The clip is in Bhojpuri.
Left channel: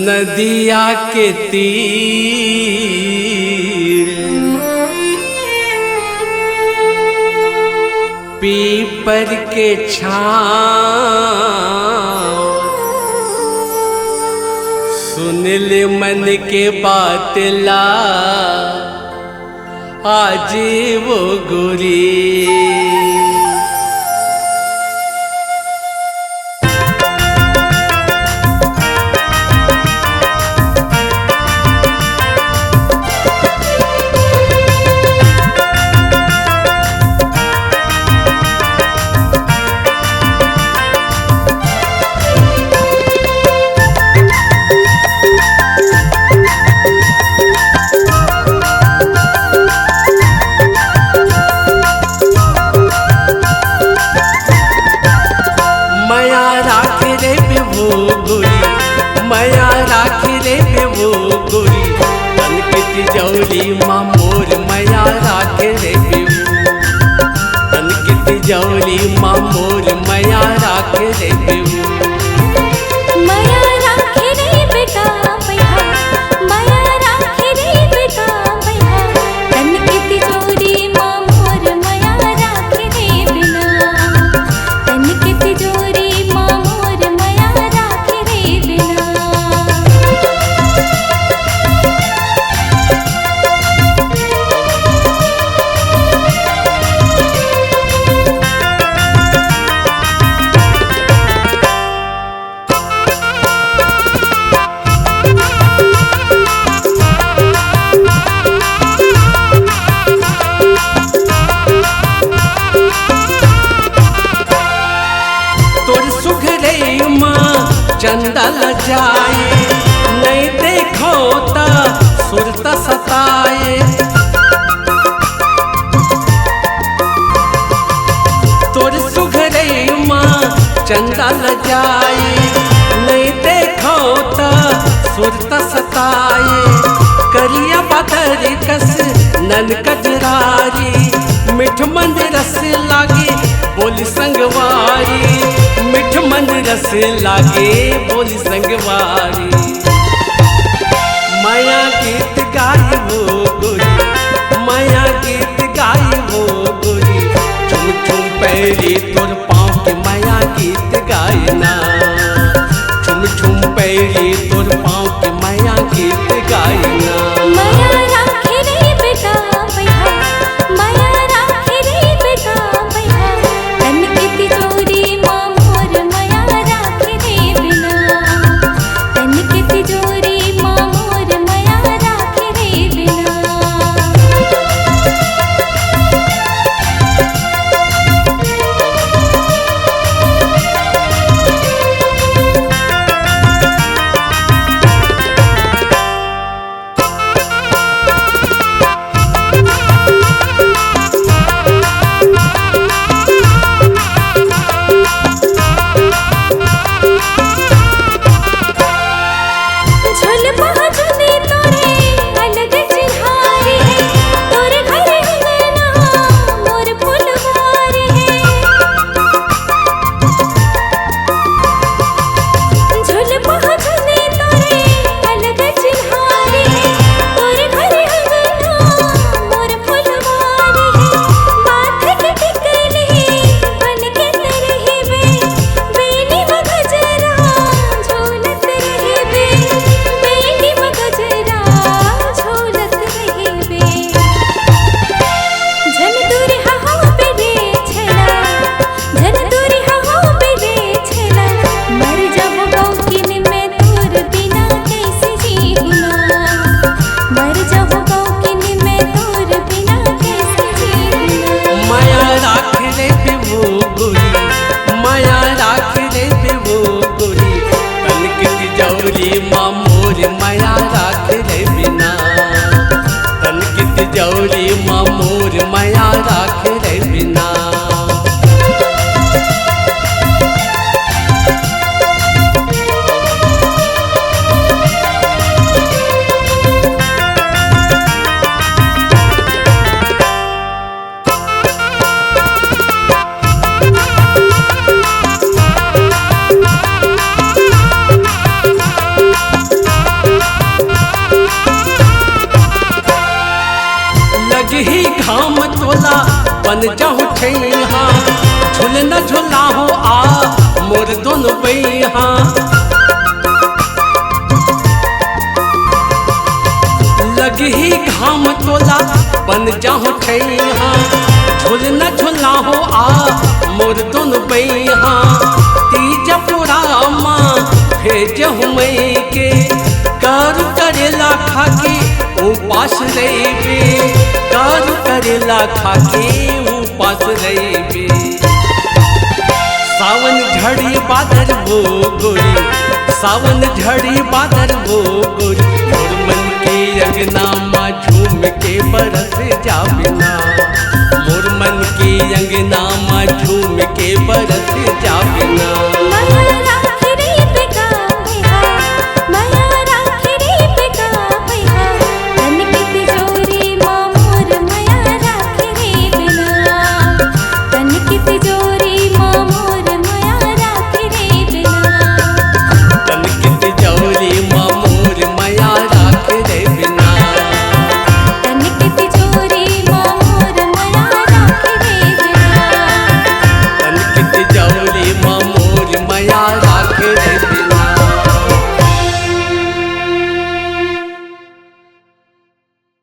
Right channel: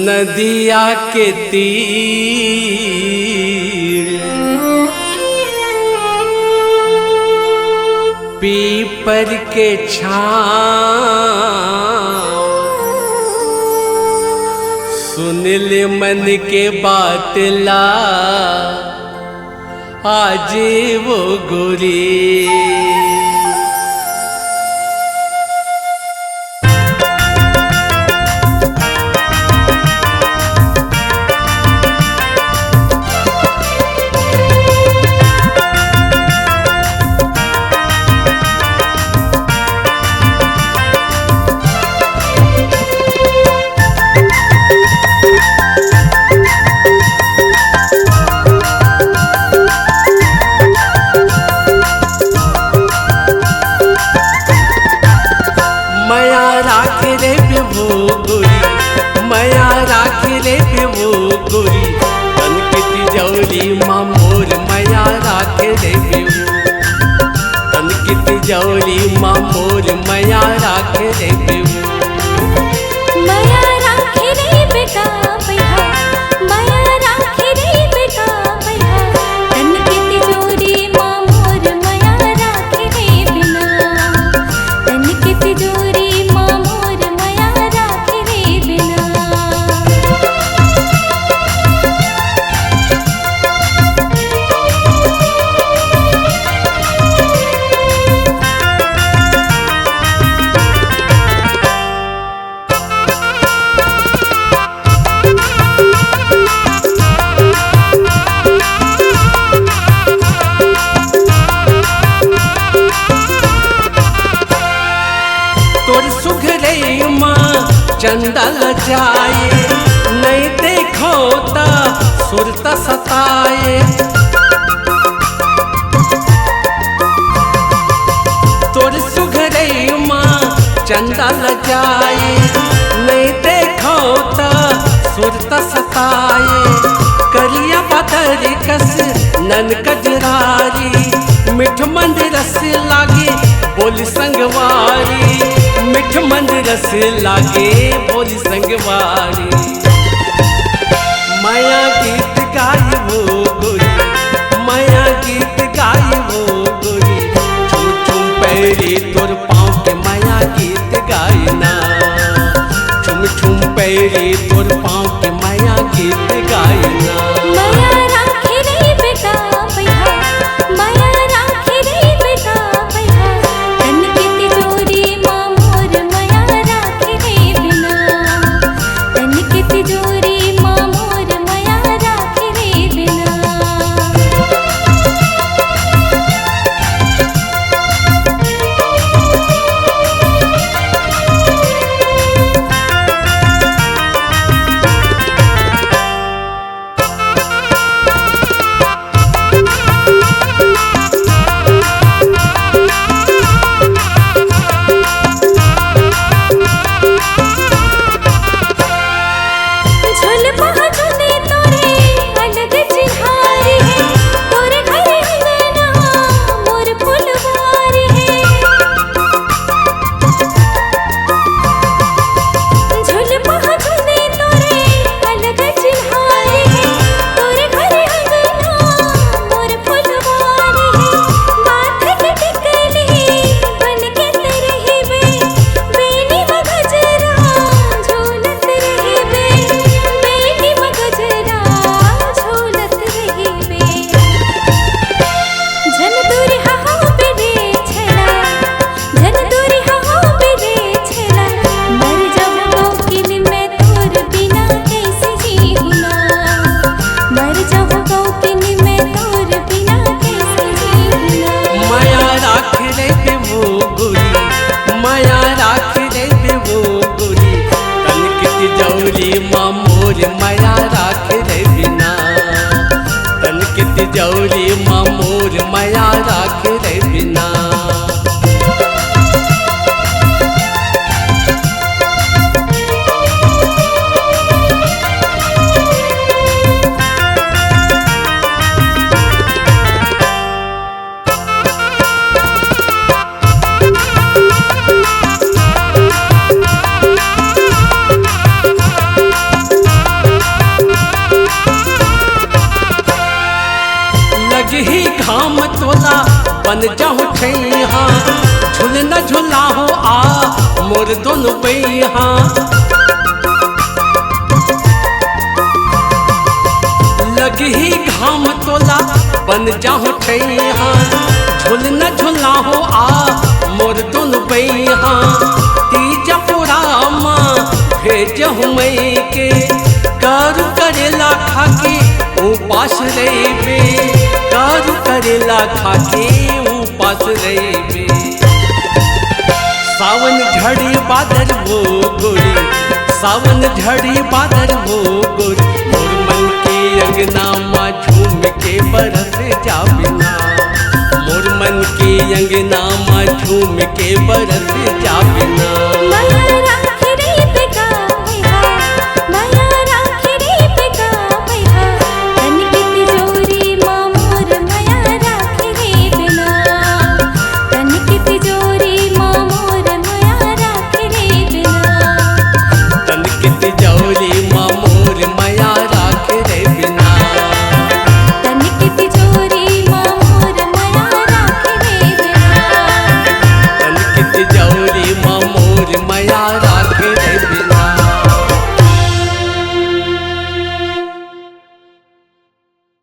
नदिया के तीर पीपर के छाँव सुन ले मन के बात ला आज वो गोरी। माया राख रे बेवो गोरी, माया राख रे बेवो गोरी, तन के तिजौरी माँ मोर माया राख रे बेवो, तन के तिजौरी माँ मोर माया राख रे बेवो। माया राख रे बेटा बैहा, माया राख रे बेटा बैहा, तन के तिजोरी माँ मोर माया राख रे बिना, तन के तिजोरी माँ मोर माया राख रे बिना। तोर सुघरे माँ चंदा लजाए, नहीं देखो ता सुरता सताए। तोर सुघरे माँ चंदा लजाए, नहीं देखो ता सुरता सताए। करिया बदर कस नन कजरारी, मिठ मंद रस लागे बोली संगवारी, मिठ मंद रस लागे बोली संगवारी। माया गीत गाई वो गोरी, माया गीत गाई वो गोरी, छुम छुम पैरी तोर पाँव के माया गीत गायना, छुम छुम पैरी तोर पाँव के माया गीत गायना। माया राख रे बेटा बैहा, माया राख रे बेटा बैहा, तन के तिजोरी माँ मोर माया राख रे बिना, तन के तिजोरी माँ मोर माया राख रे बिना। झोल पहुँचने तोरे अलग चिन्हारी है, तोरे घर अंगना मोर फुलवारी है। झोल पहुँचने तोरे अलग चिन्हारी है, तोरे घर अंगना मोर फुलवारी है। माथे के टिकली बन के रही बे, बेनी मगजरा झूलत रही बे, बेनी मगजरा झूलत रही बे। झन दूरी हो बेरे छला, झन दूरी हो बेरे छला, मर जाबो गौकिन में तोर बिना कैसे जीहुना, मर जाबो गौकिन में तोर बिना कैसे जीहुना। माया राख रे बेवो गोरी, माया राख रे बेवो गोरी, तन की तिजौरी माँ मोर माया राख रे बिना, तन की तिजौरी माँ मोर माया राख रे बिना। घाम तोला बन जाऊं छैहा, झूल न झूला हो आ मोर दोनों बैहा। लगी घाम तोला बन जाऊं छैहा, झूल न झूला हो आ मोर दोनों बैहा। तीजा पूरा माँ भेजहूँ मैं के, करू करेला खाके उपास रहिबे, करू करेला खाके उपास रहिबे। सावन झड़ी बादर वो गोरी, सावन झड़ी बादर वो गोरी, मोर मन के अंगना माँ झूम के बरस जा बिना, मोर मन के अंगना माँ झूम के बरस जा बिना। माया राखे रे बेगा बैहा, माया राखे रे बेगा बैहा, तन की तिजोरी माँ मोर माया राखे रे बिना, तन की तिजोरी माँ मोर माया राखे रे बिना, तन की तिजोरी माँ मोर माया राखे रे बिना, तन की तिजोरी माँ मोर माया राखे रे बिना, तन की तिजोरी माँ मोर माया राखे रे